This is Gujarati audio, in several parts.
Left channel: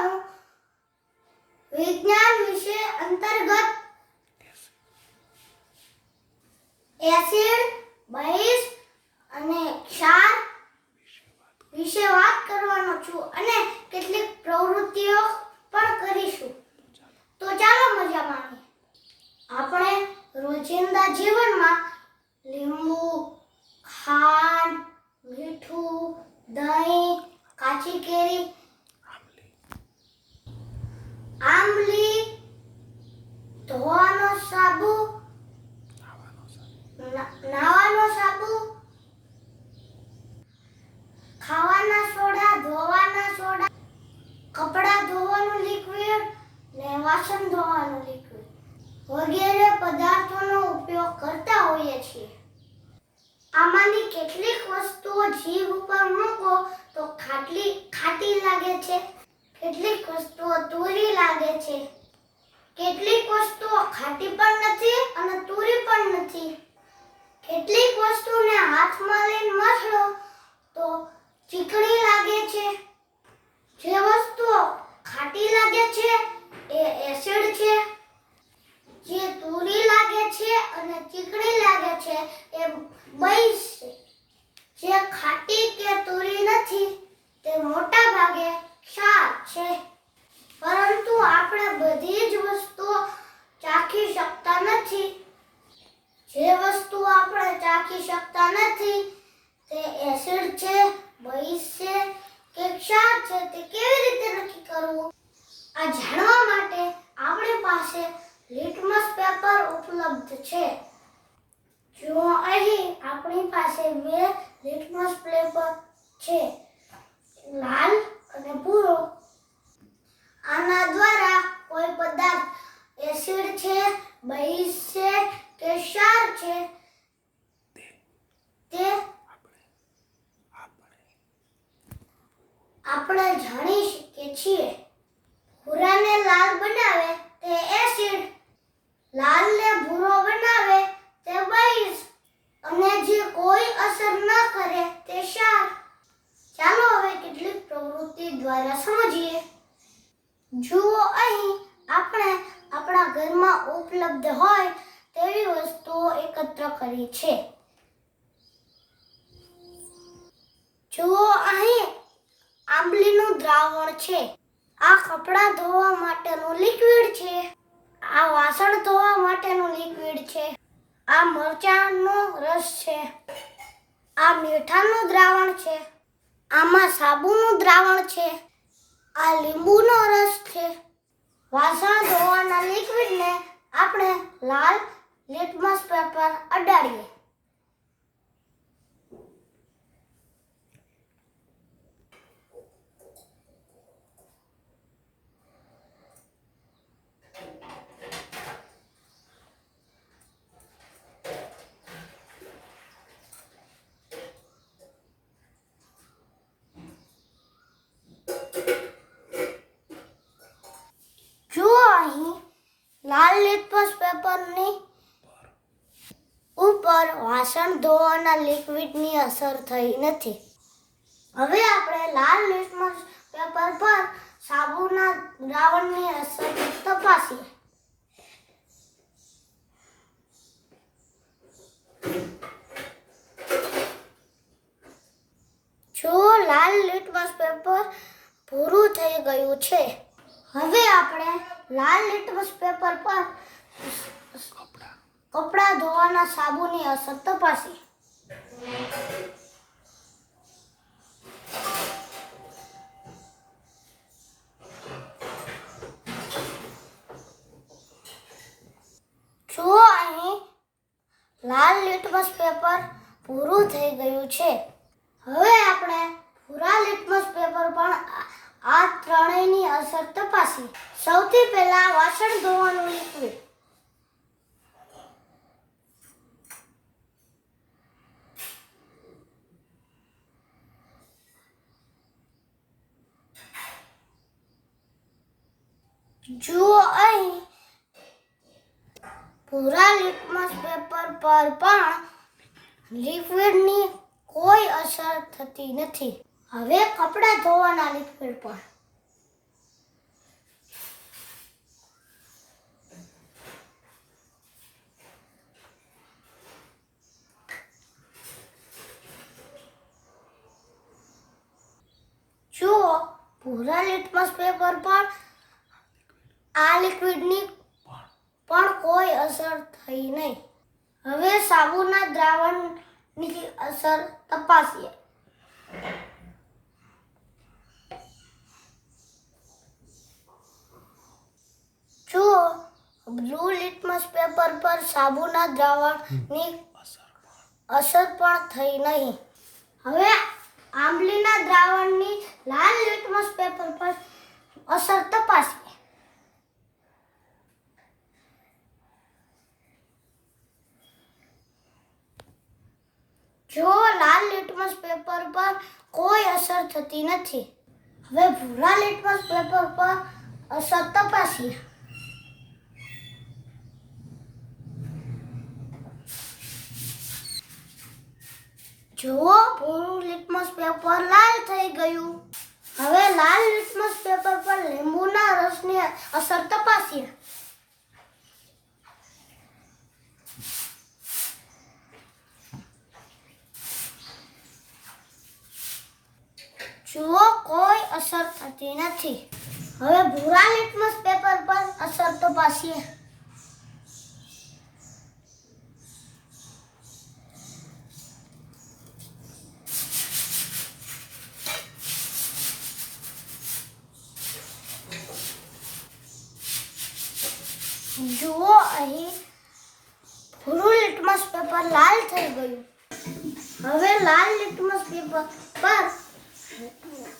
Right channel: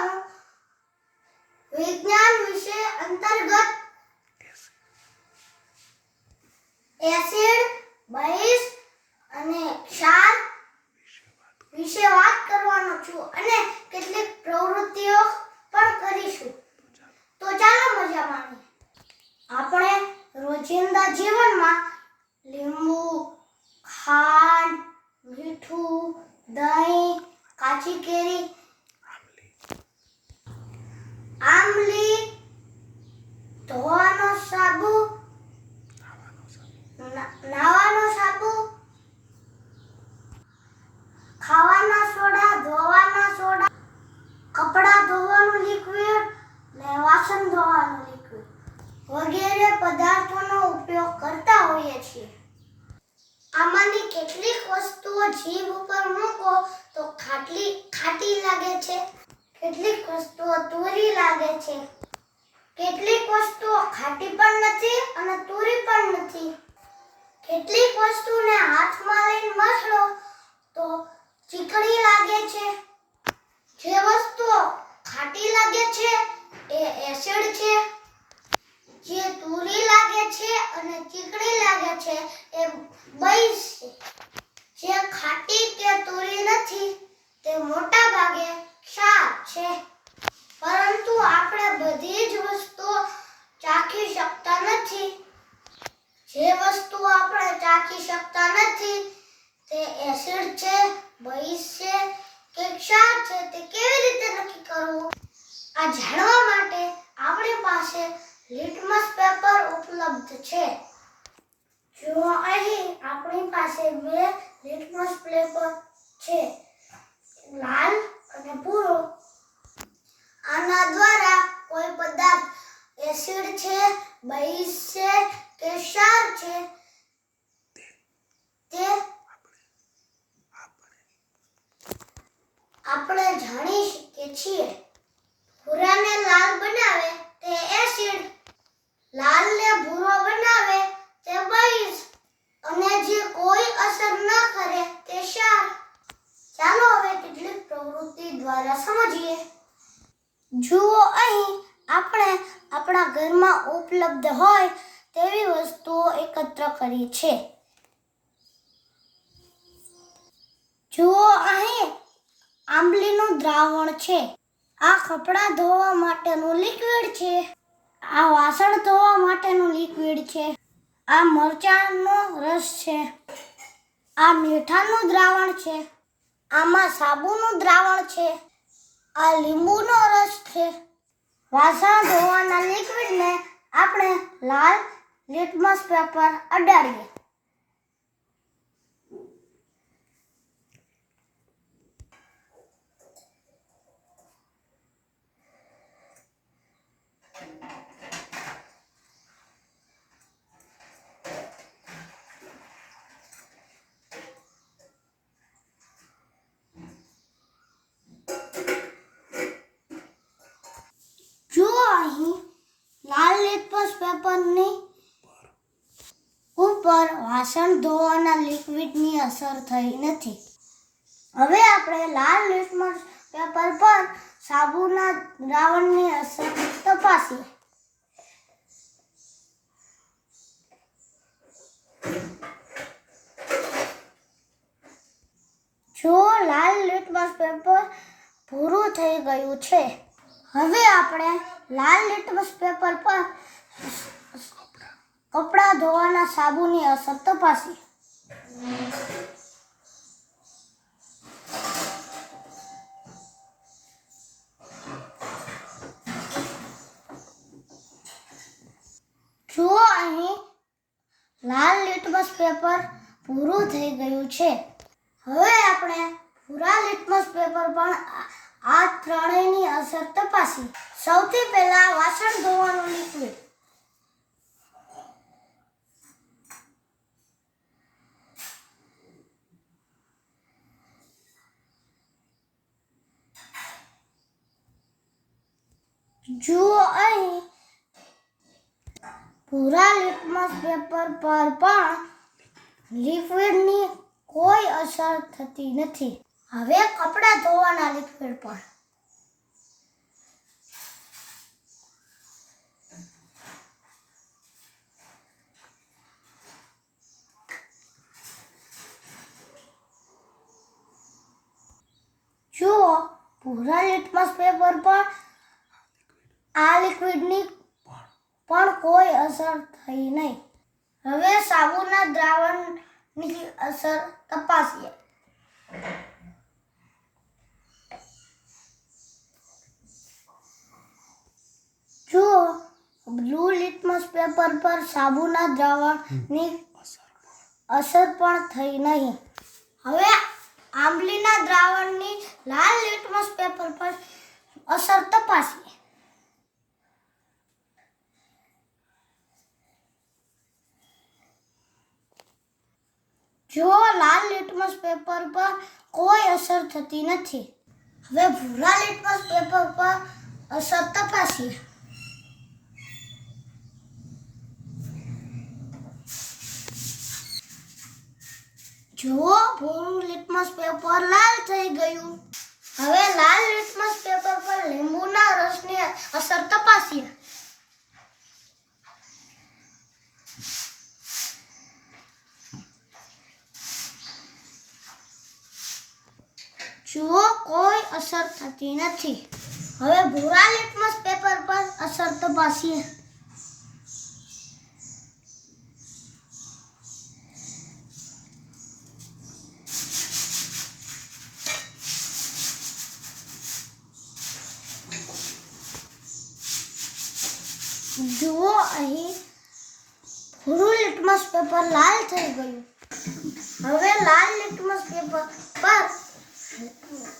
હું વિજ્ઞાન અંતર્ગત એસિડ બહિષ અને ક્ષાર વિશે વાત કરવાનો છું અને કેટલીક પ્રવૃત્તિઓ પણ કરીશું. તો ચાલો મજા માણીએ આપણે રોજિંદા જીવનમાં લીંબુ ખાંડ મીઠું દહીં કાચી કેરી આંબલી ધોવાનો સાબુ ના- નાવાનો સાબુ. ખાવાના સોડા, ધોવાના સોડા. કપડાં ધોવાનું લિક્વિડ ને વાસણ ધોવાનું લિક્વિડ વગેરે પદાર્થોનો ઉપયોગ કરતા હોઈએ છીએ. આમાંની કેટલીક વસ્તુઓ જીભ ઉપર મૂકો તો ખાટલી, ખાટી લાગે છે. કેટલીક વસ્તુઓ તુરી લાગે છે. કેટલીક વસ્તુઓ ખાટી પણ નથી અને તુરી પણ નથી. કેટલીક વસ્તુને હાથમાં લઈને મસળો તો ચીકણી લાગે છે. જે વસ્તુઓ ખાટી લાગે છે એ એસિડ છે. જે તુરી લાગે છે અને ચીકણી લાગે છે એ બઈસ છે. જે ખાટી કે તુરી નથી, તે મોટા ભાગે ક્ષાર છે. પરંતુ આપણે બધી જ વસ્તુઓ ચાખી શકતા નથી. જે વસ્તુ આપણે ચાખી શકતા નથી, તે એસિડ છે બઈસ છે, કે ક્ષાર છે, તે કેવી રીતે નક્કી કરવું? આ જાણવા માટે આપણી પાસે લિટમસ પેપર ઉપલબ્ધ છે. જો અહીં આપણી પાસે બે લિટમસ પેપર છે, લાલ અને ભૂરો. આના દ્વારા કોઈ પદાર્થ એસિડ છે બઈસ છે કે ક્ષાર છે. તે આપણે જાણી શકીએ છીએ. ભૂરાને લાલ બનાવે તે એસિડ લાલને ભૂરો બનાવે તે બઈસ અને જે કોઈ અસર ન કરે તે ક્ષાર. ચાલો હવે કેટલીક પ્રવૃત્તિ દ્વારા સમજીએ. જુઓ અહીં આપણે આપણા ઘરમાં ઉપલબ્ધ હોય તેવી વસ્તુઓ એકત્ર કરી છે. જુઓ, અહીં આંબલીનું દ્રાવણ છે. આ કપડાં ધોવા માટેનું લિક્વિડ છે. આ વાસણ ધોવા માટેનું લિક્વિડ છે. આ મરચાંનો રસ છે. આ મીઠાનું દ્રાવણ છે. આમાં સાબુનું દ્રાવણ છે. આ લીંબુનો રસ છે. વાસણ ધોવાના લિક્વિડને આપણે લાલ લિટમસ પેપર અડાડીએ જુઓ અહીં લાલ લિટમસ પેપરની ઉપર વાસણ ધોવાના લિક્વિડની અસર થઈ નથી. હવે આપણે લાલ લિટમસ પેપર પર સાબુના દ્રાવણની અસર તપાસીએ. જો લાલ લિટમસ પેપર ભૂરું થઈ ગયું છે, હવે આપણે લાલ લિટમસ પેપર પર કપડાં ધોવાના સાબુની અસર તપાસી. જુઓ અહીં, લાલ લિટમસ પેપર પૂરું થઈ ગયું છે. હવે આપણે ભૂરા લિટમસ પેપર પણ આ- ત્રણેયની અસર તપાસી. સૌથી પહેલા વાસણ ધોવાનું લિક્વિડ જુઓ અહીં. ભૂરા લિટમસ પેપર પર પણ લિક્વિડની કોઈ અસર થતી નથી. હવે કપડાં ધોવાના લિક્વિડ પર. જુઓ, ભૂરા લિટમસ પેપર પર આ લિક્વિડની પણ. કોઈ અસર થઈ નહીં. હવે સાબુના દ્રાવણની અસર તપાસીએ. જો બ્લુ લિટમસ પેપર પર સાબુના દ્રાવણની અસર પણ થઈ નહીં. હવે આંબલીના દ્રાવણની લાલ લિટમસ પેપર પર અસર તપાસીએ જો લાલ લિટમસ પેપર પર કોઈ અસર થતી નથી. હવે ભૂરા લિટમસ પેપર પર અસર તપાસીએ. જુઓ, ભૂરું લિટમસ પેપર લાલ થઈ ગયું. હવે લાલ લિટમસ પેપર પર લીંબુના રસની અસર તપાસીએ. જુઓ, કોઈ અસર થતી નથી. હવે ભૂરા લિટમસ પેપર પર અસર તપાસીએ જુઓ, અહીં ભૂરું લિટમસ પેપર લાલ થઈ ગયું. હવે લાલ લિટમસ પેપર પર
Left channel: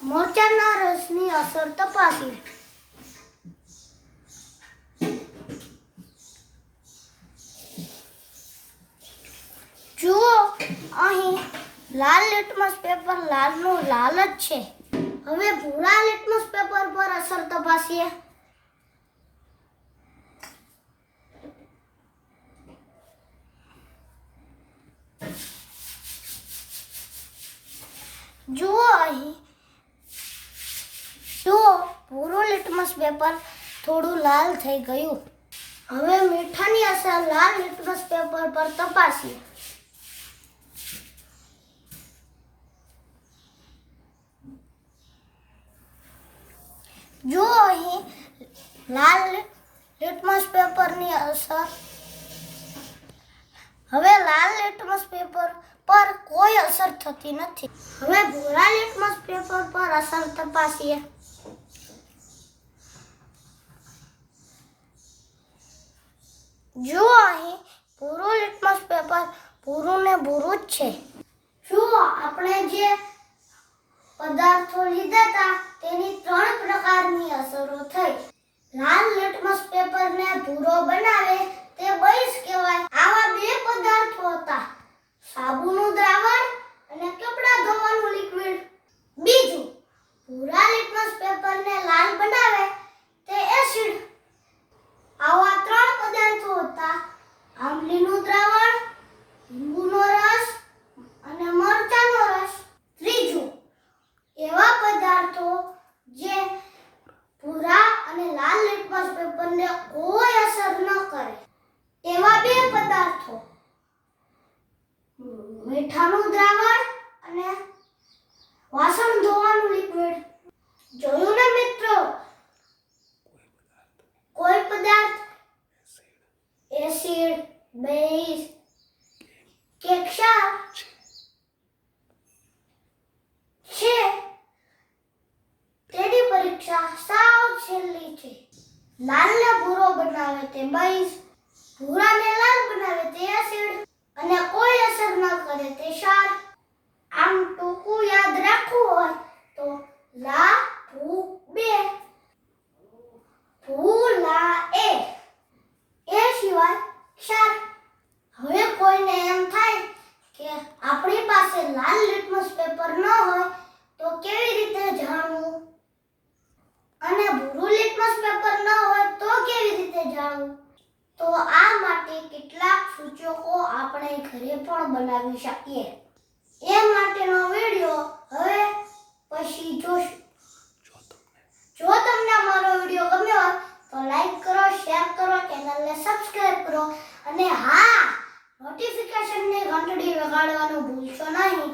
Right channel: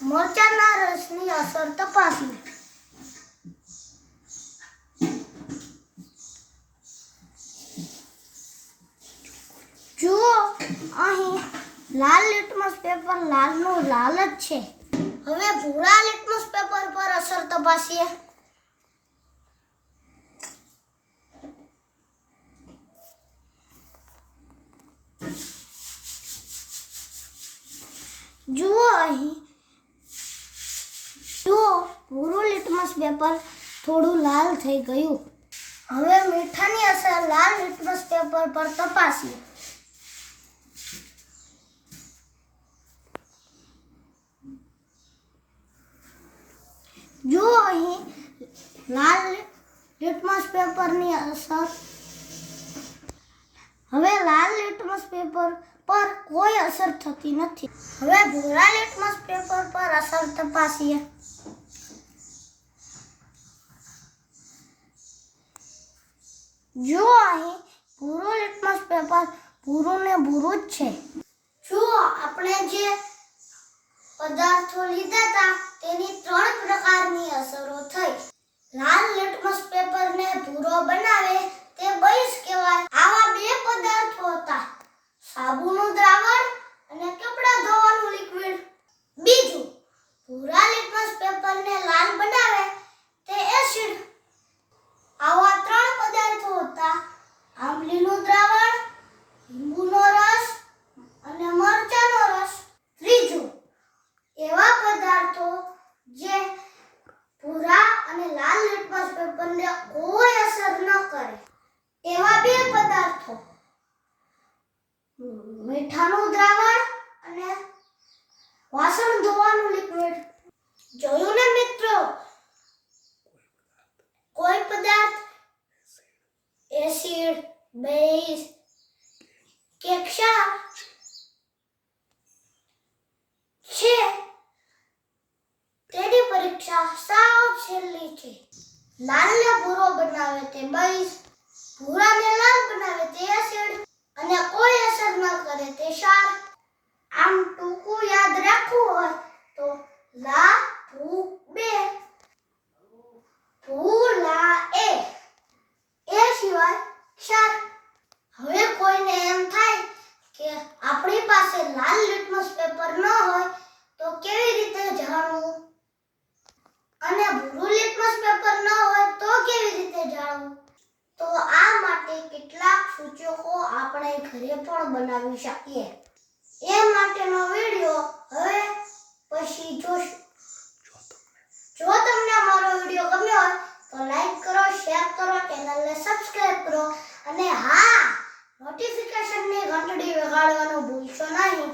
મરચાના રસની અસર તપાસી. જુઓ, અહીં લાલ લિટમસ પેપર લાલનું લાલ જ છે. હવે ભૂરા લિટમસ પેપર પર અસર તપાસીએ જુઓ અહીં જુઓ ભૂરું લિટમસ પેપર થોડું લાલ થઈ ગયું. હવે મીઠાની અસર લાલ લિટમસ પેપર પર તપાસી જો અહીં લાલ લિટમસ પેપરની અસર હવે લાલ લિટમસ પેપર પર કોઈ અસર થતી નથી. હવે ભૂરા લિટમસ પેપર પર અસર તપાસીએ. જુઓ અહીં ભૂરું લિટમસ પેપર ભૂરું ને ભૂરું જ છે. જુઓ આપણે જે પદાર્થો લીધા હતા તેની ત્રણ પ્રકારની અસરો થઈ લાલ લિટમસ પેપરને ભૂરો બનાવે તે બઈસ કહેવાય આવા બે પદાર્થો હતા સાબુનું દ્રાવણ અને કપડાં ધોવાનું લિક્વિડ બીજું ભૂરા લિટમસ પેપરને લાલ બનાવે તે એસિડ આવા ત્રણ પદાર્થો હતા આંબલીનું દ્રાવણ લીંબુનો રસ અને મરચાનો રસ ત્રીજું એવા પદાર્થો જે ભૂરા અને લાલ લિટમસ પેપરને કોઈ અસર ન કરે એવા બે પદાર્થો મીઠાનું દ્રાવણ અને વાસણ ધોવાનું લિક્વિડ જોયું ને મિત્રો? કોઈ પદાર્થ? એસિડ બેઝ કે છે. તેની પરીક્ષા સાવ છેલ્લી છે. લાલને ભૂરો બનાવે તે બેઝ ભૂરાને લાલ બનાવે તે એસિડ અને કોઈ અસર ન કરે તે શાર આમ ટૂંકું યાદ રાખવું હોય તો લા, ભૂ, બે. ભૂલા એ એ સિવાય ક્ષાર હવે કોઈને એમ થાય કે આપણી પાસે લાલ લિટમસ પેપર ન હોય તો કેવી રીતે જાણવું અને ભૂરું લિટમસ પેપર ન હોય તો કેવી રીતે જાણવું તો આ માટે કેટલાક સૂચકો આપણે ઘરે પણ બનાવી શકીએ. એ માટેનો વીડિયો હવે પછી જોશું. જો તમને. અમારો વીડિયો ગમ્યો હોય તો લાઈક કરો શેર કરો ચેનલને સબસ્ક્રાઇબ કરો. અને હા નોટિફિકેશનની ઘંટડી વગાડવાનું ભૂલશો નહીં.